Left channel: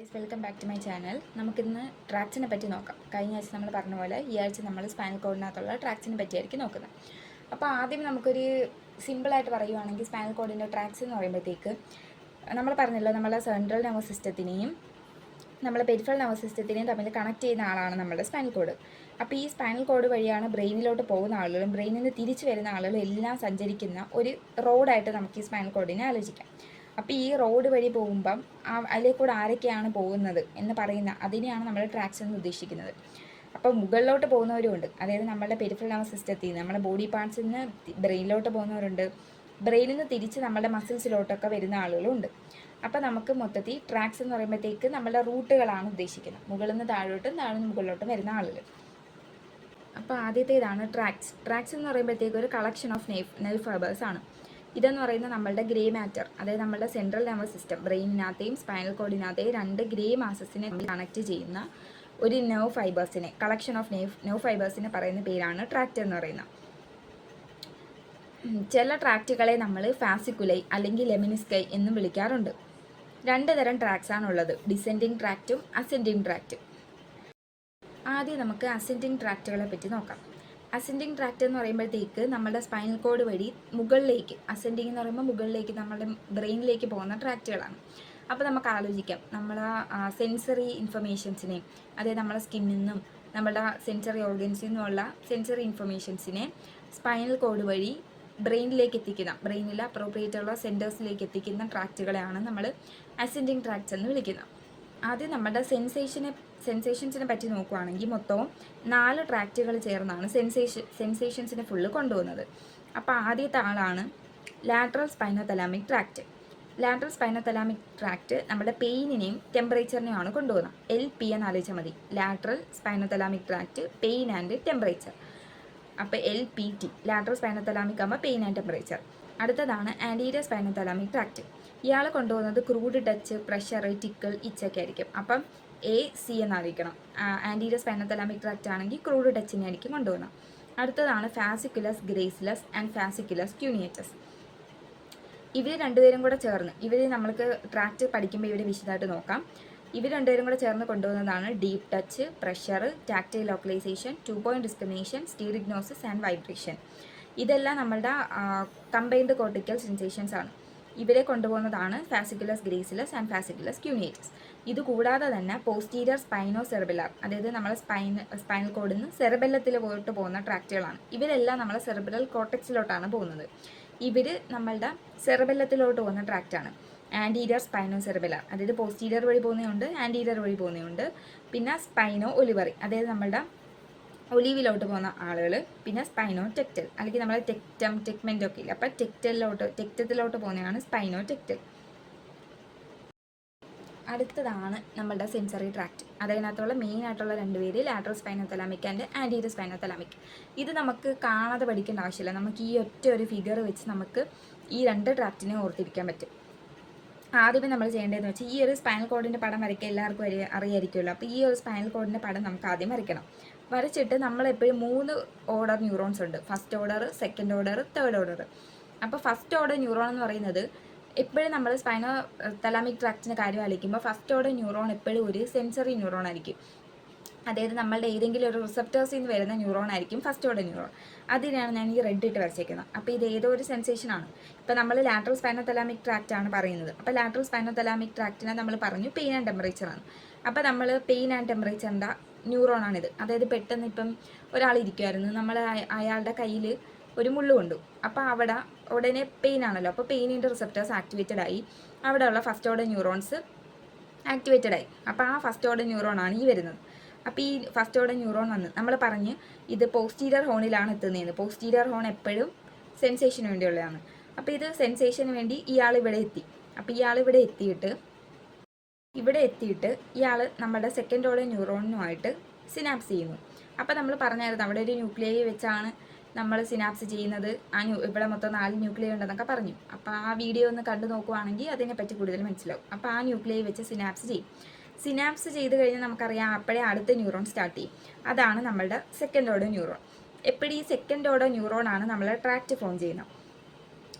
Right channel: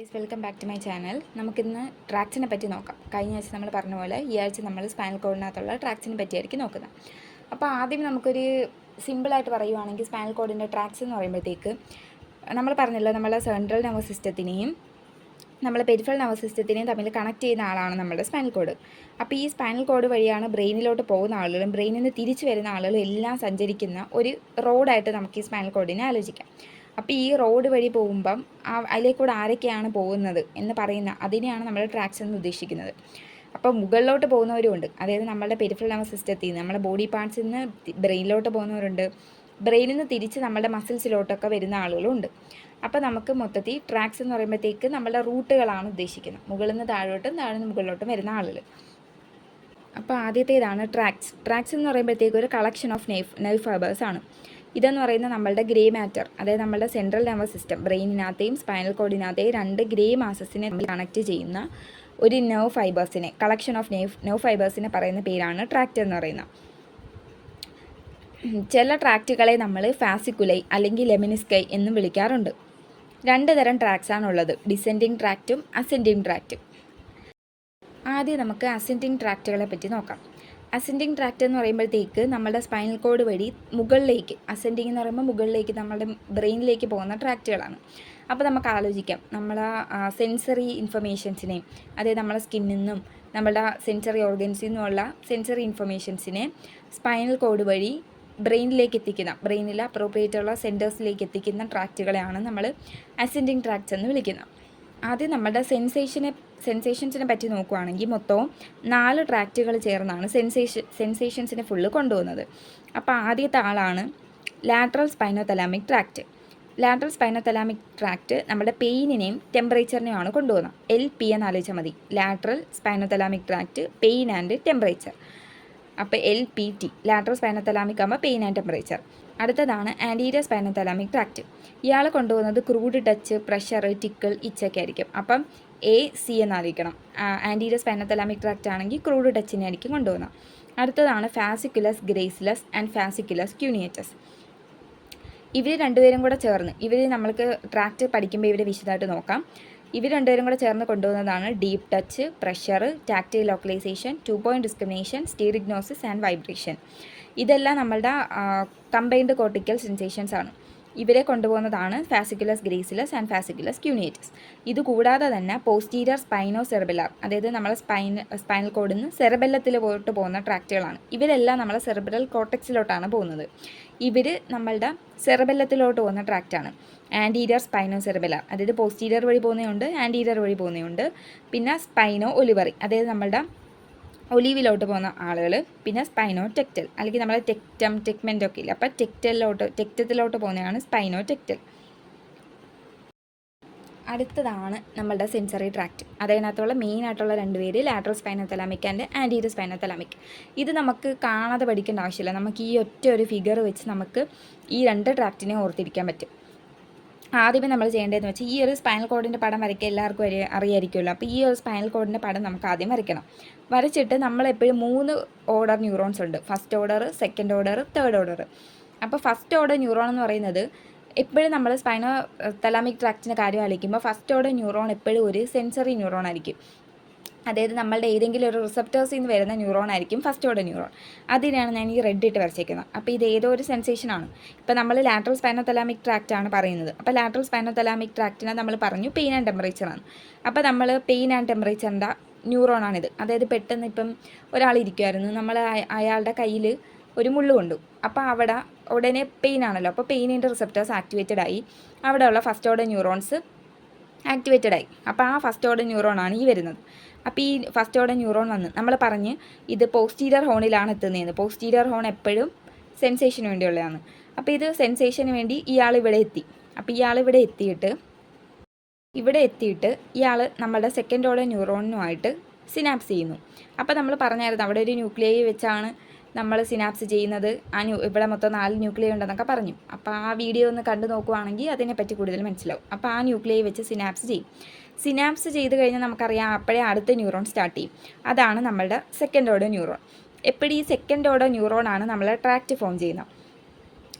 Guys, welcome back to my channel. നമുക്കിന്ന് ട്രാക്സിനെ പറ്റി നോക്കാം. കഴിഞ്ഞ ആഴ്ച നമ്മൾ പറഞ്ഞ പോലെ ഈ ആഴ്ച നമ്മൾ സ്പൈനൽ കോഡിനകത്തുള്ള ട്രാക്സിനെ പറ്റിയായിരിക്കും നോക്കുന്നത്. അപ്പോൾ ആദ്യം നമുക്കൊരു സിമ്പിളായിട്ട് പറയുവാണെങ്കിൽ സ്പൈനൽ കോഡിൻ്റെ ട്രാക്സ് എന്ന് പറയുമ്പോഴത്തേക്ക് നമ്മൾ പറഞ്ഞല്ലോ, നമ്മളെ സെൻട്രൽ നെർവസ് സിസ്റ്റത്തിനെയും നമ്മളെ പെരിഫറൽ നെർവസ് സിസ്റ്റത്തിനെയും തമ്മിൽ കണക്ട് ചെയ്യുന്ന ആളാണ് നമ്മുടെ സ്പൈനൽ കോഡ്. അപ്പോൾ ഈ സ്പൈനൽ കോഡ് വഴിയാണ് ബ്രെയിനിലോട്ട് പോകുന്ന ആളുകളും ബ്രെയിനിൽ നിന്ന് തിരിച്ചു വരുന്ന ആളുകളും എല്ലാം സഞ്ചരിക്കുന്ന ഒരു റോഡായിട്ട് നമുക്ക് ഈ സ്പൈനൽ കോഡിനെ ആലോചിക്കാം. അപ്പോൾ ഈ റോഡ് വഴി പോകുമ്പം അതിലേക്കൂടെ ആരൊക്കെയാണ് പോകുന്നത് എന്ന് പറയുന്ന അതിനെയാണ് നമ്മൾ ട്രാക്സ് എന്ന് ഉദ്ദേശിക്കുന്നത്. അപ്പോൾ മുകളിലോട്ട് പോകുന്നവരുമുണ്ട്, അതായത് നമ്മുടെ പെരിഫറൽ നെർവസ് സിസ്റ്റത്തിൽ നിന്ന് നമ്മുടെ ബോഡി പാർട്സിൽ നിന്ന് ബ്രെയിനിലോട്ട് പോകുന്നവരുണ്ട്, ബ്രെയിനിൽ നിന്ന് തിരിച്ച് നമ്മുടെ മസിൽസിലോട്ടൊക്കെ വരുന്ന ആളുകളുണ്ട്. അപ്പോൾ നമുക്ക് മൊത്തത്തിൽ ട്രാക്സ് എന്ന് പറയുമ്പോഴത്തേക്ക് നമ്മുടെ റൂട്ടുകളാണ് ഉദ്ദേശിക്കുന്നത്, മുകളിൽ നിന്ന് താഴോട്ടും താഴെ നിന്ന് മുകളിലോട്ടും വരുന്ന ആളുകൾ. അപ്പോൾ ആദ്യത്തേതാണ് ട്രാക്സ് എന്ന് പറയുമ്പോഴത്തേക്ക് ഒരു കളക്ഷൻ ഓഫ് നെർവ് ഫൈബേഴ്സ് ആണ്. ഇതെന്ന് പറയുന്നത് നമ്മളുടെ ഗ്രേ മാറ്റർ, അതായത് നമ്മളുടെ സെൻട്രൽ നെർവസ് സിസ്റ്റം ബ്രെയിനിനകത്തെയും സ്പൈനൽ കോഡിനകത്തെയും രണ്ട് ഗ്രേ മാസസിനെ കണക്ട് ചെയ്യുന്ന ഒരു നെർവ് ഫൈബേഴ്സിനെ, കളക്ഷൻ ഓഫ് നെർവ് ഫൈബേഴ്സിനെ പറയുന്ന പേരാണ് ട്രാക്റ്റ് എന്ന് പറയുന്നത്. ചില ട്രാക്റ്റുകളെ നമ്മൾ ഫാസിക്കുലൈ അല്ലെങ്കിൽ ലെമിനിസ്കൈ എന്നും വിളിക്കാറുണ്ട്. രണ്ട് തരം ട്രാക്സാണുള്ളത്, ഡിസെൻഡിങ് ട്രാക്റ്റും അസെൻഡിങ് ട്രാക്റ്റും. ആദ്യം നമുക്ക് അസെൻഡിങ് ട്രാക്റ്റുകളെ പറ്റി നോക്കാം. അസെൻഡിങ് ട്രാക്റ്റ് എന്ന് പറയുമ്പോഴത്തേക്ക് നമ്മുടെ സ്പൈനൽ കോഡ് വഴി മുകളിലേക്ക്, അസെൻഡിങ് എന്ന് പറയുമ്പോൾ മുകളിലേക്ക് നമ്മുടെ ബ്രെയിനിലേക്ക് പോകുന്ന ട്രാക്റ്റുകളാണ്. അപ്പോൾ നമുക്ക് ആലോചിക്കാം, നമ്മളെ സെൻസറി ഇൻഫർമേഷൻസിനെ, അതായത് നമ്മളെ സ്കിന്നിൽ നിന്നും നമ്മുടെ സെൻസറി ഓർഗൻസിൽ നിന്നുമുള്ള സെൻസറി ഇൻഫർമേഷൻസിനെ സ്പൈനൽ കോഡ് വഴി ബ്രെയിനിലേക്ക് എത്തിക്കുന്ന, ബ്രെയിനിലെ അപ്രോപ്രിയേറ്റുള്ള സെൻറ്റേഴ്സിലേക്ക് എത്തിക്കുന്ന ട്രാക്റ്റുകളെയാണ് നമ്മൾ അസെൻഡിങ് ട്രാക്ട്സ് എന്ന് വിളിക്കുന്നത്. ആദ്യം നമ്മുടെ സെൻസേഷൻസിനെ പറ്റി നോക്കുകയാണെങ്കിൽ മൊത്തവും 4 ട്രാക്റ്റുകൾ ചേർന്നാണ് സെൻസേഷൻസിനെ ഫുള്ള് കൊണ്ടുപോകുന്നത്. അപ്പോൾ ആദ്യത്തെ ആളാണ് lateral spinothalamic tract. Lateral spinothalamic tract നമ്മുടെ പെയിനിനെയും ടെമ്പറേച്ചറിനെയുമാണ് കൊണ്ടുപോകുന്നത്. LP എന്ന് ആലോചിച്ചാൽ മതി, lateral spinothalamic tract, pain and temperature. അപ്പോൾ LPT, ലാറ്ററൽ സ്പൈനോതലാമിക് ആകുമ്പോൾ പെയിൻ ആൻഡ് ടെമ്പറേച്ചർ. അടുത്തതാണ് ആൻറ്റീരിയർ സ്പൈനോതലാമിക് ട്രാക്റ്റ്. ഇയാൾ കൊണ്ടുപോകുന്നത് ക്രൂഡ് ടച്ച്, പ്രഷർ, ടിക്കിൾ, ഇച്ചൊക്കെ ആയിരിക്കും. അപ്പം AC എന്നായിരിക്കണം. ആൻറ്റീരിയർ സ്പൈനോതലാമിക് ട്രാക്റ്റ് ആണെങ്കിൽ ക്രൂഡ് ടച്ചിനെ ആയിരിക്കും കൊണ്ടുപോകുന്നത്. അടുത്തതാണ് ഫാസിക്കുലസ് ഗ്രേസിലസ് ആൻഡ് ഫാസിക്കുലസ് ക്യൂനിയേറ്റസ്. ഇവർ രണ്ടുപേരും കൂടെ ചേർന്ന്, ഇവർ നമ്മൾക്ക് ട്രാക്റ്റ് പഠിക്കുമ്പോൾ ഇവരെ വിശദമായിട്ട് നോക്കാം. ഇവർ രണ്ടുപേരും കൂടെ ചേർന്ന് കൊണ്ടുപോകുന്നതാണ് deep touch, pressure, tactile localisation, 2 point discrimination, stereognosis and vibration. ഇതെല്ലാം നമ്മളുടെ കമ്പൈൻഡ് കോർട്ടിക്കൽ സെൻസേഷൻസ് ആണ്. ഇവരെ കൊണ്ടുപോകുന്നതാണ് ഫാസിക്കുലസ് ഗ്രേസിലസ് ആൻഡ് ഫാസിക്കുലസ് ക്യൂനിയേറ്റസ്. ഇതുകൂടാതെ തന്നെ പോസ്റ്റീരിയർ സ്പൈനോ സെറിബെല്ലാർ, അതായത് നമ്മളെ സ്പൈനൽ കോഡിൽ നിന്ന് സെറിബെല്ലത്തിലോട്ട് പോകുന്ന ട്രാക്റ്റുകളാണ്. ഇവരെല്ലാം നമ്മളെ സെറിബ്രൽ കോർട്ടെക്സിലോട്ടാണ് പോകുന്നത്. ഇവർ നമ്മളുടെ സെറിബെല്ലത്തിലോട്ട് പോകുന്ന ട്രാക്റ്റാണ്. ആൻറ്റീരിയർ സ്പൈനോ സെറിബെല്ലാർ, അതായത് പോസ്റ്റീരിയർ വഴി പോകുന്നതുണ്ട്, ആൻറ്റീരിയർ വഴി പോകുന്നതുണ്ട്. പിന്നെ സ്പൈനോ ഒലിവറി, അതായത് നമ്മളുടെ ഒലീവിലോട്ട് പോകുന്ന ആളുകൾ. പിന്നെ സ്പൈനോ ടെക്റ്റൽ, അല്ലെങ്കിൽ നമ്മൾ ടെക്മെൻ്റ് ഒക്കെ ഇല്ല, അപ്പോൾ ടെക്റ്റത്തിലോട്ട് പോകുന്നതാണ് സ്പൈനോ ടെക്റ്റൽ. അടുത്തതാണ് നമ്മളുടെ സെൻസറി ട്രാക്റ്റ്. അതിനകത്തുള്ള മെയിൻ ആയിട്ടുള്ള 2 പേര് ലാറ്ററൽ സ്പൈനോതലാമിക് ആൻഡ് ആൻറ്റീരിയർ സ്പൈനോതലാമിക്. ഇത് നമുക്ക് കാണാതെ പഠിക്കേണ്ട ആവശ്യമില്ല, നമുക്ക് ഈ ഒറ്റ ഒരു ഫിഗർ വെച്ച് നമുക്ക് ഈ 2 ട്രാക്റ്റിനെ ഓർത്തിരിക്കാൻ പറ്റും. ആദ്യമേ നമ്മൾ ചെയ്യേണ്ടതെന്ന് വെച്ചാൽ ഈ ഒരു സ്പൈനൽ കോഡിൻ്റെ പടം വരയ്ക്കുക എല്ലാവർക്കും അറിയായിരിക്കുമല്ലോ. അപ്പോൾ ഈ ഒരു സ്പൈനൽ കോഡിൻ്റെ പടം നമുക്ക് ആദ്യം വരയ്ക്കണം. വരച്ചിട്ട് നമ്മളെപ്പോഴും 3 ഓർഡർ ന്യൂറോൺസ് ഉണ്ട്, first order, second order, third order. അപ്പോൾ ഫസ്റ്റ് ഓർഡർ ന്യൂറോൺ എന്ന് പറയുന്നത് എപ്പോഴും നമ്മൾ സ്പൈനോ തലാമിക് ട്രാക്റ്റിൻ്റെ കാര്യം ആലോചിക്കുമ്പോൾ ഫസ്റ്റ് ഓർഡർ ന്യൂറോൺ എപ്പോഴും ഒരു സെൻസറി ന്യൂറോൺ ആയിരിക്കും, അതായത് നമ്മളുടെ ഏതെങ്കിലും ഒരു റിസപ്റ്റേഴ്സിൽ നിന്ന് വരുന്ന ന്യൂറോൺ ആയിരിക്കും ഫസ്റ്റ് ഓർഡർ ന്യൂറോൺ. അതിനാണ് ഞാൻ ഈ റെഡ് ഇട്ട് വരച്ചേക്കുന്നത്. അപ്പോൾ ഇത് ഏതോ ഒരു സെൻസേഷനാണ്. ഇപ്പോൾ നമ്മൾ ലാറ്ററൽ സ്പൈനോതലാമിക് ട്രാക്റ്റ് ആണ് പറയുന്നത്. അപ്പോൾ ലാറ്ററൽ സ്പൈനോതലാമിക് ട്രാക്റ്റിനെ നമ്മൾ പറഞ്ഞു പെയിൻ ആൻഡ് ടെമ്പറേച്ചറാണ്. അപ്പോൾ നമ്മൾ പെയിൻ ആൻഡ് ടെമ്പറേച്ചറിൻ്റെ ന്യൂറോണാണിത്. അതായത് പെട്ടെന്ന് ഇപ്പം ഒരാൾ ഇരിക്കുമായിരുന്നു, നമ്മൾ അയാളുടെ കയ്യിൽ ഒരു മുള്ളു കൊണ്ടു, അപ്പോൾ അവിടെ ഉടനെ പെയിൻ ആണല്ലോ, അപ്പോൾ പെയിനിൻ്റെ റിസപ്റ്റേഴ്സ് ആക്ടിവേറ്റഡ് ആയി, അവിടെയുള്ള ഫസ്റ്റ് ഓർഡർ ന്യൂറോൺസ് ആക്ടിവേറ്റഡ് ആയി. അപ്പോൾ ആ ഫസ്റ്റ് ഓർഡർ ന്യൂറോണാണ് ഈ വരുന്നത്. അപ്പോൾ ഈ ഫസ്റ്റ് ഓർഡർ ന്യൂറോൺ വന്ന് നമ്മൾ പറഞ്ഞ് ഇത് പോസ്റ്റീരിയർ ഹോണിലാണ് എത്തുന്നതെന്ന്. പോസ്റ്റീരിയർ ഹോൺ എപ്പോഴും സെൻസേഷന് വേണ്ടിയുള്ളതാണ്. അപ്പോൾ ഇത് സെൻസേഷന് വേണ്ടി ഇയാൾ ഇവിടെ എത്തി. അപ്പോൾ ഇയാൾ ഇവിടെ എത്തിയിട്ട് ഇയാൾ നമ്മുടെ സെക്കൻഡ് ഓർഡർ ന്യൂറോണുമായിട്ട് സിനാപ്സ് ചെയ്യുന്നു. അപ്പോൾ നമ്മൾ പറഞ്ഞായിരുന്നു അവിടെ ഒരു ന്യൂക്ലിയൈ വെച്ചാണ് നമ്മൾ സിനാപ്സ് ചെയ്യുന്നത്. ഇവിടെ മൊത്തം 4 ന്യൂക്ലിയൈ ഉണ്ടെന്നൊക്കെ പറഞ്ഞു. അപ്പോൾ ആ വീഡിയോ ഒന്ന് കണ്ടു നോക്കുവാണെങ്കിൽ അതിനെപ്പറ്റി കൂടുതൽ മനസ്സിലാവും. അപ്പോൾ ആ ന്യൂക്ലിയൈ വെച്ച് സിനാപ്സ് ചെയ്യും. സിനാപ്സ് ചെയ്ത് കഴിഞ്ഞാൽ നമുക്കറിയാം അപ്പോഴേ അടുത്ത ന്യൂറോൺ സ്റ്റാർട്ട് ചെയ്യും. അതാണ് നമ്മളുടെ സെക്കൻഡ് ഓർഡർ ന്യൂറോൺ. എപ്പോഴും ഈ സെക്കൻഡ് ഓർഡർ ന്യൂറോണാണ് നമ്മളെ ട്രാക്റ്റ് ഫോം ചെയ്യുന്നത്.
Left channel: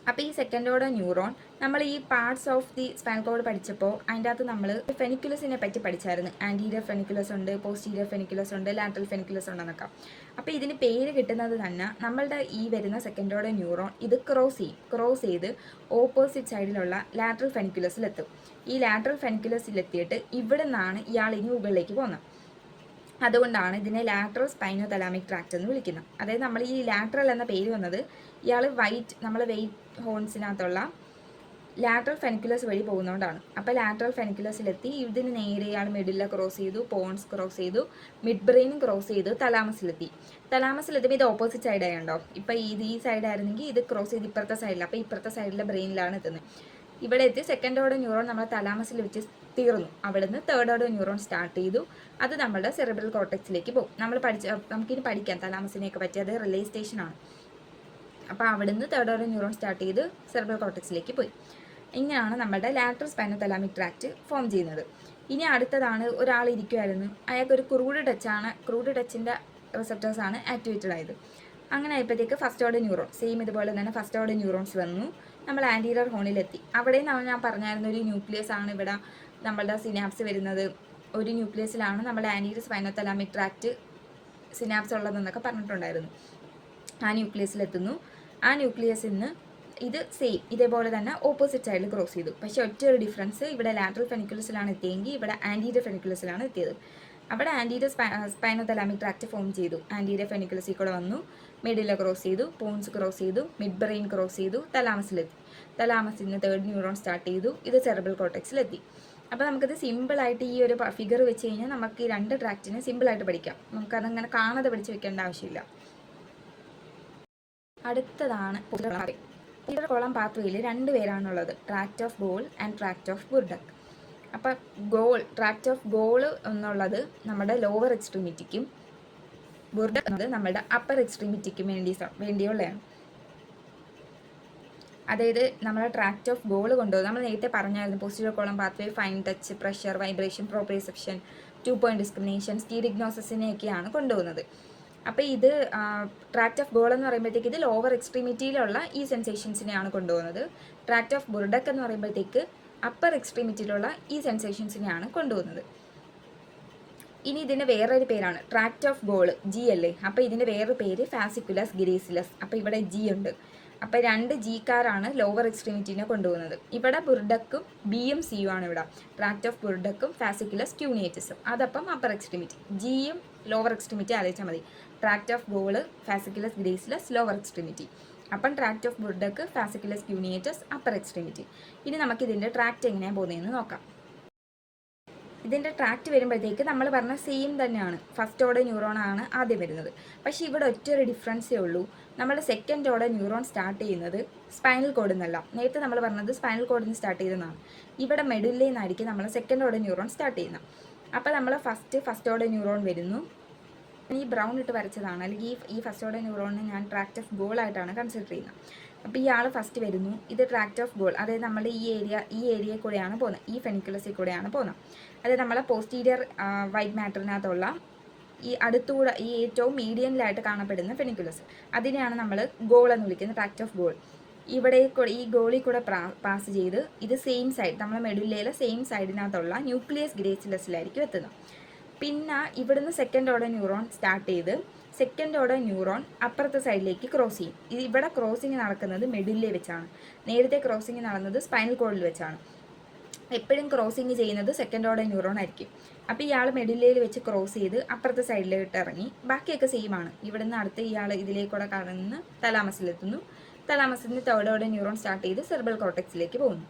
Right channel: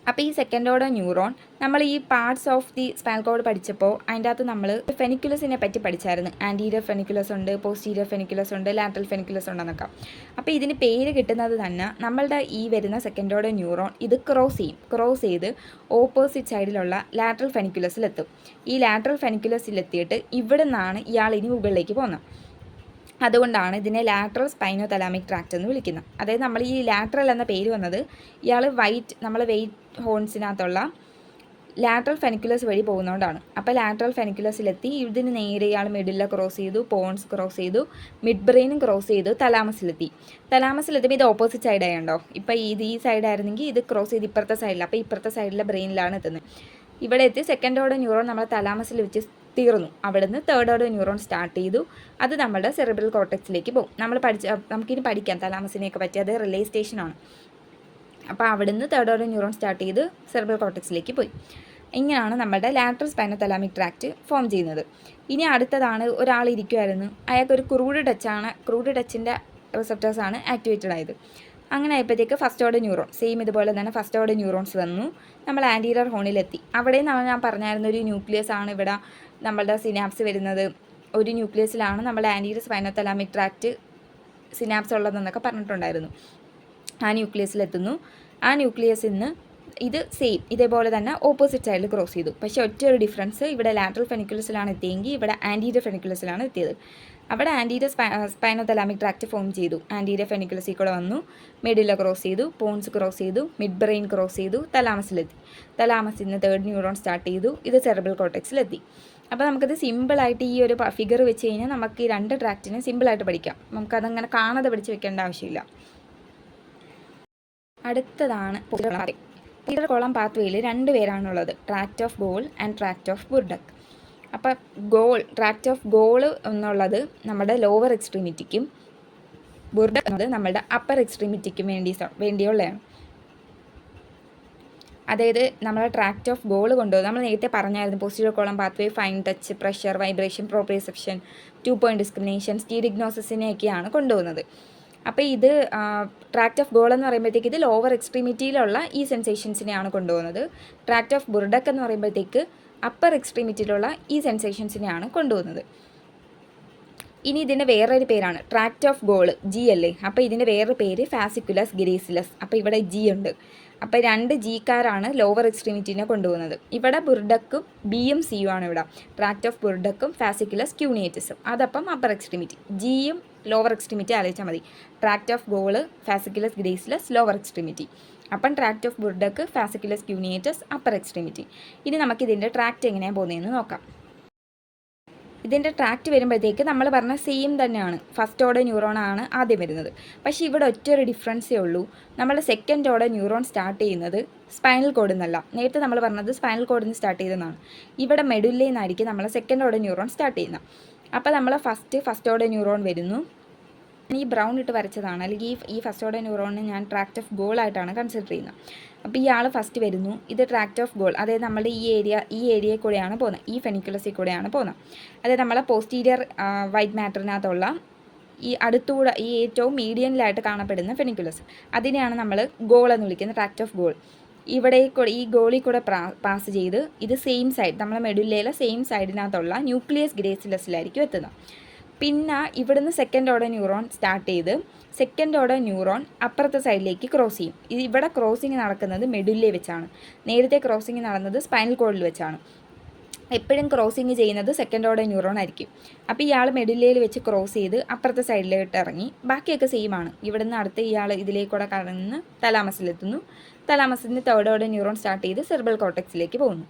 അപ്പോൾ ഈ സെക്കൻഡ് ഓർഡർ ന്യൂറോൺ നമ്മൾ ഈ parts of the spinal cord പഠിച്ചപ്പോൾ അതിൻ്റെ അകത്ത് നമ്മൾ ഫെനിക്കുലസിനെ പറ്റി പഠിച്ചായിരുന്നു. ആൻറ്റീരിയർ ഫെനിക്കുലസ് ഉണ്ട്, പോസ്റ്റീരിയർ ഫെനിക്കുലസ് ഉണ്ട്, ലാറ്ററൽ ഫെനിക്കുലസ് ഉണ്ടെന്നൊക്കെ. അപ്പോൾ ഇതിന് പേര് കിട്ടുന്നത് തന്നെ നമ്മളുടെ ഈ വരുന്ന സെക്കൻഡ് ഓർഡർ ന്യൂറോൺ ഇത് ക്രോസ് ചെയ്ത് ഓപ്പോസിറ്റ് സൈഡിലുള്ള ലാറ്ററൽ ഫെനിക്കുലസിലെത്തും. ഈ ലാറ്ററൽ ഫെനിക്കുലസിലെത്തിയിട്ട് ഇവിടെ നിന്നാണ് ഇയാൾ ഇനി മുകളിലേക്ക് പോകുന്നത്. അതുകൊണ്ടാണ് ഇതിനെ ലാറ്ററൽ സ്പൈനോ തലാമിക് ട്രാക്റ്റ് എന്ന് വിളിക്കുന്നത്. അതായത് നമ്മൾ ഈ ലാറ്ററൽ എന്ന പേര് വന്നത് ഇയാൾ നമ്മൾ വെയിറ്റ് ഹോൺസിനകത്തുള്ള ലാറ്ററൽ ഫെനിക്കുലസ് വഴി പോകുന്നതുകൊണ്ടാണ്. അപ്പോൾ ലാറ്ററൽ ഫെനിക്കുലസിലെത്തി ഇതിന് നേരെ ഇയാൾ മിഡില ക്രോസ് ചെയ്തു, പോൺസ് ക്രോസ് ചെയ്തു, മിഡ് ബ്രെയിനും ക്രോസ് ചെയ്തു, തലാമസിലെത്തിയപ്പോൾ ഇത് ഓപ്പോസിറ്റ് സൈഡ് ആയതുണ്ടോ. ഇപ്പോൾ ഈ സൈഡായിരുന്നെങ്കിൽ ഇത് ക്രോസ് ചെയ്ത് ഇപ്പുറത്തെ സൈഡിൽ, അപ്പോൾ ഇപ്പുറത്തെ സൈഡിലെ ബ്രെയിനിലാണ് എത്തുന്നത്. ഇവിടെ എത്തി സെക്കൻഡ് ഓർഡർ ന്യൂറോൺ നമ്മൾ തലാമസിൽ വെച്ച് തീർന്നു. അവിടുന്ന് തേർഡ് ഓർഡർ ന്യൂറോൺ സ്റ്റാർട്ട് ചെയ്തു. അത് നമ്മുടെ സെറിബ്രൽ കോർട്ടെക്സിലേക്ക് പോകും. നമുക്കിനി പഠിക്കാം തലാമസിനെയൊക്കെ പറ്റി, അത് റിലേ സ്റ്റേഷനാണ്. അപ്പോൾ അവിടുന്ന് തേർഡ് ഓർഡർ ന്യൂറോൺ സ്റ്റാർട്ട് ചെയ്ത് സെറിബ്രൽ കോർട്ടെക്സിലേക്ക് പോയി. ഇങ്ങനെയാണ് നമ്മുടെ lateral spino thalamic tract form ചെയ്യുന്നത്. ഇനി അടുത്തതാണ്, ഒരാൾ ഇരിക്കുമായിരുന്നു, അയാൾക്കൊരു ക്രൂഡ് ടച്ചിൻ്റെ റിസപ്റ്റേഴ്സാണ് ആക്ടിവേറ്റഡ് ആയത്. അങ്ങനെ ആയപ്പോഴത്തേക്ക് ഫസ്റ്റ് ഓർഡർ ന്യൂറോൺ ഇതുപോലെ തന്നെ ഫസ്റ്റ് ഓർഡർ ന്യൂറോൺസ് വന്നു. നമ്മൾ ആൻറ്റീരിയർ ഹോണിലെത്തി. അവിടെ ഞാൻ പറഞ്ഞായിരുന്നു ഒരു ന്യൂക്ലിയസ് ആണ് ഇവിടെ നമ്മളുടെ സിനാപ്സ് വരുന്നത്. ഒരു ന്യൂക്ലിയസിലാണ് നമ്മുടെ anterior spinothalamic tract synapse ഉള്ളതെന്നൊക്കെ പറഞ്ഞിട്ടുണ്ടായിരുന്നു. ആ ന്യൂക്ലിയസിലെത്തുന്നു. ആ ന്യൂക്ലിയസിൽ നിന്ന് ഇത് ഇതേപോലെ തന്നെ ഓപ്പോസിറ്റ് സൈഡിൽ ക്രോസ് ചെയ്തു. പക്ഷേ ഒറ്റയൊരു ഡിഫറൻസ്, ഇവിടെ ലാറ്ററൽ ഫെനിക്കുലസിലാണ് എത്തിയെങ്കിൽ ഇവിടെ ആൻറ്റീരിയർ ഫെനിക്കുലസിലാണ് എത്തിയത്. അവിടെ anterior spinothalamic tract form ചെയ്തു. ആൻറ്റീരിയർ ഫെനിക്കുലസിൽ കൂടെ വന്നു, മിഡില ക്രോസ് ചെയ്തു, പോൺസ് ക്രോസ് ചെയ്തു, മിഡ് ബ്രെയിൻ ക്രോസ് ചെയ്തു, തലാമസിലെത്തി. തലാമസിൽ നിന്ന് തേർഡ് ന്യൂറോൺ സ്റ്റാർട്ട് ചെയ്തു. ഇത് സെറിബ്രൽ കോർട്ടെക്സിലെത്തി. അപ്പോൾ നമുക്കത് സിമ്പിളായിട്ട് ഈ ഒരു ഫിഗർ വെച്ച് കഴിഞ്ഞാൽ നമുക്ക് ഈ രണ്ട് ട്രാക്റ്റിനെ സിമ്പിളായിട്ട് പഠിക്കാം. നമുക്കതങ്ങനെ കാണാതെ പഠിച്ച് വെക്കേണ്ട ആവശ്യമില്ല. അടുത്തതാണ് പോസ്റ്റീരിയർ കോളം പാത്വേയിൽ രണ്ട് പേരാണുള്ളത്, tract of Goll and tract of Burdach. അപ്പം ട്രാക്റ്റ് ഓഫ് ഗോൾ എന്നുള്ളത് നമ്മുടെ ലോവർ എക്സ്ട്രീമിറ്റിക്കും ബുർഡക് എന്നത് നമ്മുടെ അപ്പർ എക്സ്ട്രീമിറ്റിക്കും വേണ്ടിയുള്ളതാണ്. അതായത് നമ്മുടെ ട്രാക്റ്റ് ഓഫ് ഗോൾ കൊണ്ടുപോകും. നമ്മൾ നേരത്തെ പറഞ്ഞായിരുന്നു posterior column pathway, fine touch, pressure, vibration, proprioception, 2 point discrimination, സ്റ്റീരിഗ്നോസിസിനെയൊക്കെയാണ് കൊണ്ടുപോകുന്നത്. അപ്പോൾ ഇത് ട്രാക്റ്റ് ഓഫ് ഗോൾ എന്ന് പറയുമ്പോഴത്തേക്ക് ഇത് ലോവർ എക്സ്ട്രീമിറ്റിയിലുള്ള ഈ സെൻസേഷൻസിനെയാണ് കൊണ്ടുപോകുന്നത്. ട്രാക്റ്റ് ഓഫ് ബുർഡക് എന്ന് പറയുമ്പോഴത്തേക്ക് അപ്പർ എക്സ്ട്രീമിറ്റിയിലുള്ള ഈ സെൻസേഷൻസിനെയാണ് കൊണ്ടുപോകുന്നത്. ഇനി ഇതിൻ്റെ വേറൊരു പേരാണ് ട്രാക്റ്റ് ഓഫ് ഗോൾ, ജി അല്ലേ. അപ്പോൾ ഇതിൻ്റെ വേറൊരു പേര് ഫാസിക്കുലസ് ഗ്രീസിലസ്. അപ്പോൾ ഇവിടെ ജി ഉണ്ട്. അപ്പോൾ രണ്ട് ജിക്കാരാണ് ലോവർ എക്സ്ട്രീമിറ്റിനെ കൊണ്ടുപോകുന്നത്. ഇവിടെ ബുർഡക്കും ബിയും സിയും ആണ് ഇവിടെ. ട്രാക്റ്റ് ഓഫ് ബുർഡക്കും ഫാസിക്കുലസ് ക്യൂണിയേറ്റസും, അതപ്പം അപ്പർ എക്സ്ട്രീമിറ്റി. ജിയും ലോവർ എക്സ്ട്രീമിറ്റി ആലോചിച്ചാൽ മതി. Tract of Goll, fasciculus gracilis, lower extremity. അപ്പം tract of Burdach, fasciculus cuneatus, upper extremity. ഇനി നമുക്കിതിൻ്റെ ട്രാക്റ്റ് എങ്ങനെയാണ് പോകുന്നതെന്ന് നോക്കാം. ഇതിൻ്റെ ട്രാക്റ്റ് വരുമ്പോഴത്തേക്ക് നമ്മൾ പറഞ്ഞ സെയിം തന്നെയാണ്. ഫസ്റ്റ് ഓർഡർ ന്യൂറോൺ ആണ് ആദ്യം വരുന്നത്. പക്ഷേ ഇവിടെ ഒറ്റൊരു ഡിഫറൻസേ ഉള്ളൂ. നമ്മൾ സെക്കൻഡ് ഓർഡർ ന്യൂറോൺ സ്റ്റാർട്ട് ചെയ്യുന്നത് സ്പൈനൽ കോഡിൽ നിന്നല്ല. നേരത്തെ നമ്മൾ പറഞ്ഞത് സ്പൈനൽ കോഡിൽ നിന്ന് സ്റ്റാർട്ട് ചെയ്തതാണ്. ഇവിടെ മെഡുല്ലയിൽ നിന്നായിരിക്കും നമ്മൾ സെക്കൻഡ് ഓർഡർ ന്യൂറോൺ സ്റ്റാർട്ട് ചെയ്യുന്നത്. അപ്പോൾ നമ്മൾ ഫസ്റ്റ് ഓർഡർ ന്യൂറോൺ വരുന്നു. ഈ ബ്രൗൺ ഇട്ട് വരച്ചതാണ്, അല്ലെങ്കിൽ ഈ ഫസ്റ്റ് ഓർഡർ ന്യൂറോണിനെ ഞാൻ ട്രാക്റ്റ് ഓഫ് ഗോൾ ആയിട്ടാണ് കൺസിഡർ ചെയ്യുന്നത്. അപ്പോൾ ഇയാൾ ഫസ്റ്റ് വരുന്നു. ഇത് ട്രാക്റ്റ് ഓഫ് ഗോൾ, അതായത് നമ്മുടെ ഈ ഏരിയയിൽ കൂടെയാണ് പോകുന്നത്, ഈ ഫെനിക്കുലസിൽ കൂടെയാണ് പോകുന്നത്. അതായത് നമ്മളെ പോസ്റ്റീരിയർ വൈറ്റ് മാറ്ററിനകത്തുള്ള ഈ അടുത്തൂടെ ഈ ഏറ്റവും മീഡിയനിലായിട്ട് കാണപ്പെടുന്ന ഫെനിക്കുലസ്, അതിനെയാണ് നമ്മൾ ഗോൾ എന്ന് വിളിക്കുന്നത്, ട്രാക്റ്റ് ഓഫ് ഗോൾ. ഈ ഗോളിൽ കൂടെ പാസ് ചെയ്ത് ഇത് സെയിം സൈഡ്, നമ്മളെ മെഡുല്ലയിലെ സെയിം സൈഡിനകത്തുള്ള ന്യൂക്ലിയസ് ഗ്രേസിലസിലായിരിക്കും എത്തുന്നത്. പിന്നെ ഇവിടുന്ന് സെക്കൻഡ് ഓർഡർ ന്യൂറോൺ സ്റ്റാർട്ട് ചെയ്ത് സെക്കൻഡ് ഓർഡർ ന്യൂറോൺ അപ്പുറത്തെ സൈഡിലേക്ക് ക്രോസ് ചെയ്യും. ഇവിടെ ക്രോസിങ് നടക്കുന്നത് മെഡുല്ലയിൽ വെച്ചാണ്. നേരത്തെ ക്രോസിങ് നടന്നത് സ്പൈനൽ കോഡിൽ വെച്ചാണ്. എപ്പോഴും ക്രോസിങ് ചെയ്യുന്നത് സെക്കൻഡ് ഓർഡർ ന്യൂറോൺ ആയിരിക്കും. അപ്പോൾ ഇയാൾ മെഡുല്ലയിൽ വെച്ച് ക്രോസ് ചെയ്ത് അപ്പുറത്തെ സൈഡിലോട്ട് ഇറങ്ങി. ബാക്കിയൊക്കെ സെയിം ആണ്. ഇവിടുന്ന് അടുത്ത് ഇയാൾ ഇതിലേക്കൂടെ കടന്ന് തലാമസിലെത്തുന്നു. തലാമസിൽ നിന്ന് തേർഡ് ഓർഡർ ന്യൂറോൺ സ്റ്റാർട്ട് ചെയ്ത് സെറിബ്രൽ കോർട്ടെക്സിലേക്ക് പോകുന്നു.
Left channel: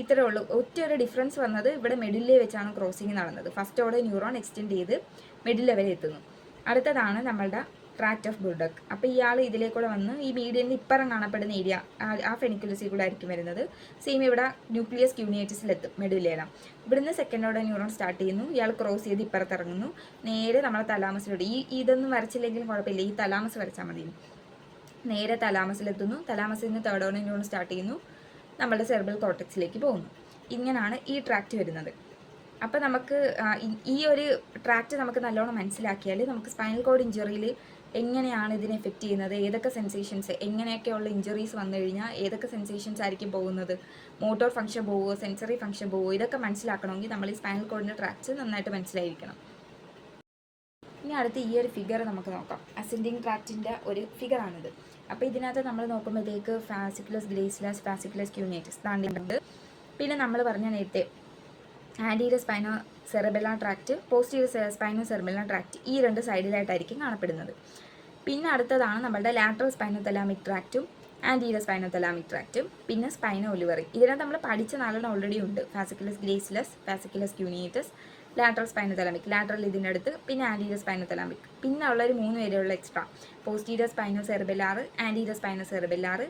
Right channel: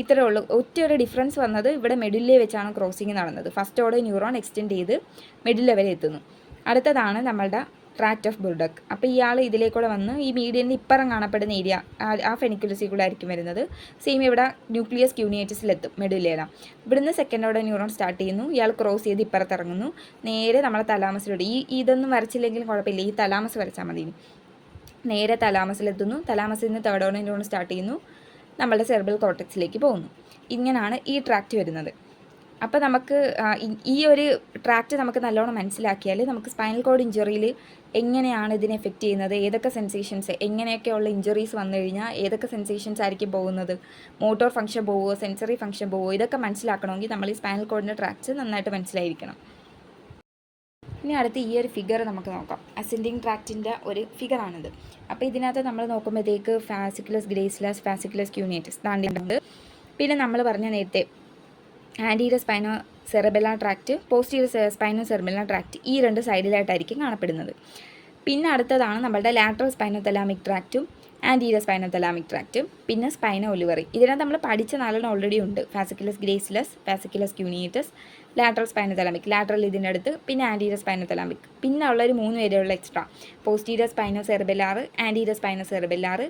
ഇത്രയേ ഉള്ളൂ. ഒറ്റയൊരു ഡിഫറൻസ് വന്നത് ഇവിടെ മെഡുല്ലയിൽ വെച്ചാണ് ക്രോസിങ് നടന്നത്. ഫസ്റ്റ് ഓർഡർ ന്യൂറോൺ എക്സ്റ്റെൻഡ് ചെയ്ത് മെഡുല്ല വരെ എത്തുന്നു. അടുത്തതാണ് നമ്മളുടെ ട്രാക്റ്റ് ഓഫ് ബുർഡക്. അപ്പോൾ ഇയാൾ ഇതിലേക്കൂടെ വന്ന് ഈ മീഡിയനിൽ ഇപ്പുറം കാണപ്പെടുന്ന ഏരിയ ആ ഫെനിക്കുലസിൽ കൂടെ ആയിരിക്കും വരുന്നത്. സെയിം ഇവിടെ ന്യൂക്ലിയസ് ക്യൂണിയേറ്റസിലെത്തും മെഡുല്ലയിലാണ്. ഇവിടുന്ന് സെക്കൻഡ് ഓർഡർ ന്യൂറോൺ സ്റ്റാർട്ട് ചെയ്യുന്നു. ഇയാൾ ക്രോസ് ചെയ്ത് ഇപ്പുറത്തിറങ്ങുന്നു. നേരെ നമ്മളെ തലാമസിലോട്ട്, ഇതൊന്നും വരച്ചില്ലെങ്കിലും കുഴപ്പമില്ല, ഈ തലാമസ് വരച്ചാൽ മതി. നേരെ തലാമസിലെത്തുന്നു. തലാമസിൽ നിന്ന് തേർഡ് ഓർഡർ ന്യൂറോൺ സ്റ്റാർട്ട് ചെയ്യുന്നു. നമ്മളുടെ സെറിബ്രൽ കോർട്ടെക്സിലേക്ക് പോകുന്നു. ഇങ്ങനെയാണ് ഈ ട്രാക്റ്റ് വരുന്നത്. അപ്പോൾ നമുക്ക് ഈ ഒരു ട്രാക്റ്റ് നമുക്ക് നല്ലോണം മനസ്സിലാക്കിയാൽ നമുക്ക് സ്പൈനൽ കോഡ് ഇഞ്ചുറിയിൽ എങ്ങനെയാണ് ഇതിനെ എഫക്റ്റ് ചെയ്യുന്നത്, ഏതൊക്കെ സെൻസേഷൻസ്, എങ്ങനെയൊക്കെയുള്ള ഇഞ്ചുറീസ് വന്നു കഴിഞ്ഞാൽ ഏതൊക്കെ സെൻസേഷൻസ് ആയിരിക്കും പോകുന്നത്, മോട്ടോർ ഫംഗ്ഷൻ പോവുമോ, സെൻസറി ഫംഗ്ഷൻ പോവുമോ, ഇതൊക്കെ മനസ്സിലാക്കണമെങ്കിൽ നമ്മൾ ഈ സ്പൈനൽ കോഡിൻ്റെ ട്രാക്ട്സ് നന്നായിട്ട് മനസ്സിലായിരിക്കണം. ഇനി അടുത്ത് ഈ ഒരു ഫിഗർ നമുക്ക് നോക്കാം. അസെൻഡിങ് ട്രാക്റ്റിൻ്റെ ഒരു ഫിഗറാണിത്. അപ്പോൾ ഇതിനകത്ത് നമ്മൾ നോക്കുമ്പോഴത്തേക്ക് ഫാസിക്കുലസ് ഗ്രേസിലസ്, ഫാസിക്കുലസ് ക്യൂനിയേറ്റസ് താണ്ടിട്ടുണ്ട്. പിന്നെ നമ്മൾ പറഞ്ഞ നേരത്തെ anterior spino cerebellar tract, posterior spino cerebellar tract, ഈ രണ്ട് സൈഡിലായിട്ടായിരിക്കും കാണപ്പെടുന്നത്. പിന്നെ അടുത്തതാണ് നമ്മുടെ ലാറ്ററൽ സ്പൈനോതലാമിക് ട്രാക്റ്റും ആൻറ്റീരിയർ സ്പൈനോതലാമിക് ട്രാക്റ്റും, പിന്നെ സ്പൈനോ ഒലിവറി. ഇതിനകത്ത് നമ്മൾ പഠിച്ച നാലെണ്ണം ഓൾറെഡി ഉണ്ട്. ഫാസിക്കുലസ് ഗ്രേസിലസ്, ഫാസിക്കുലസ് ക്യൂനിയേറ്റസ്, ലാറ്ററൽ സ്പൈനോതലാമിക്, ലാറ്ററൽ ഇതിൻ്റെ അടുത്ത്, പിന്നെ ആൻറ്റീരിയർ സ്പൈനോതലാമിക്. പിന്നെ ഉള്ളൊരു 3 പേരുള്ള extra posterior spinocerebellar, anterior spinocerebellar,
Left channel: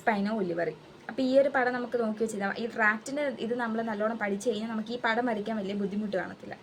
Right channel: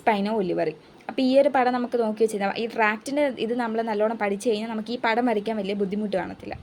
spino olivary. അപ്പോൾ ഈ ഒരു പടം നമുക്ക് നോക്കി വെച്ചാൽ ഈ ട്രാക്റ്റിൻ്റെ ഇത് നമ്മൾ നല്ലോണം പഠിച്ചു കഴിഞ്ഞാൽ നമുക്ക് ഈ പടം വരയ്ക്കാൻ വലിയ ബുദ്ധിമുട്ട് കാണത്തില്ല.